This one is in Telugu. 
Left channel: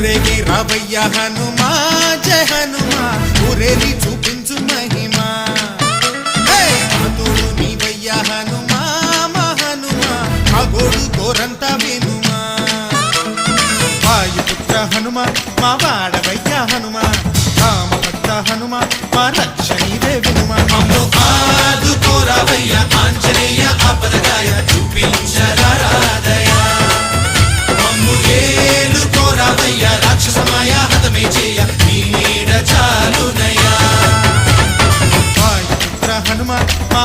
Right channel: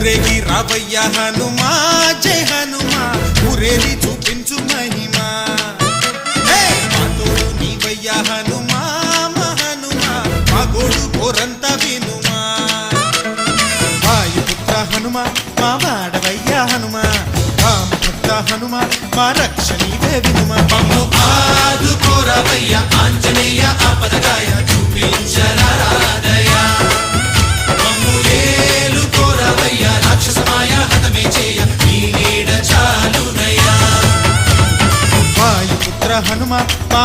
ఊరేగి రావయ్య హనుమా జయ హనుమా ఊరేగి చూపించు మహిమా నీవయ్య హనుమా మా హనుమా మా గోడు కోరంత వినుమా వాయుపుత్ర హనుమా మా వాడవయ్య హనుమా రామభక్త హనుమా మా రక్షణివే వినుమా మమ్ము ఆదుకోరావయ్య ఆంజనేయ ఆపదగాయ చూపించరాదయ మమ్ము ఏలుకోరావయ్య రాక్షసమాయ హతమే చేయ నీ నీడ చాలునయ్యా వాయుపుత్ర హనుమా మా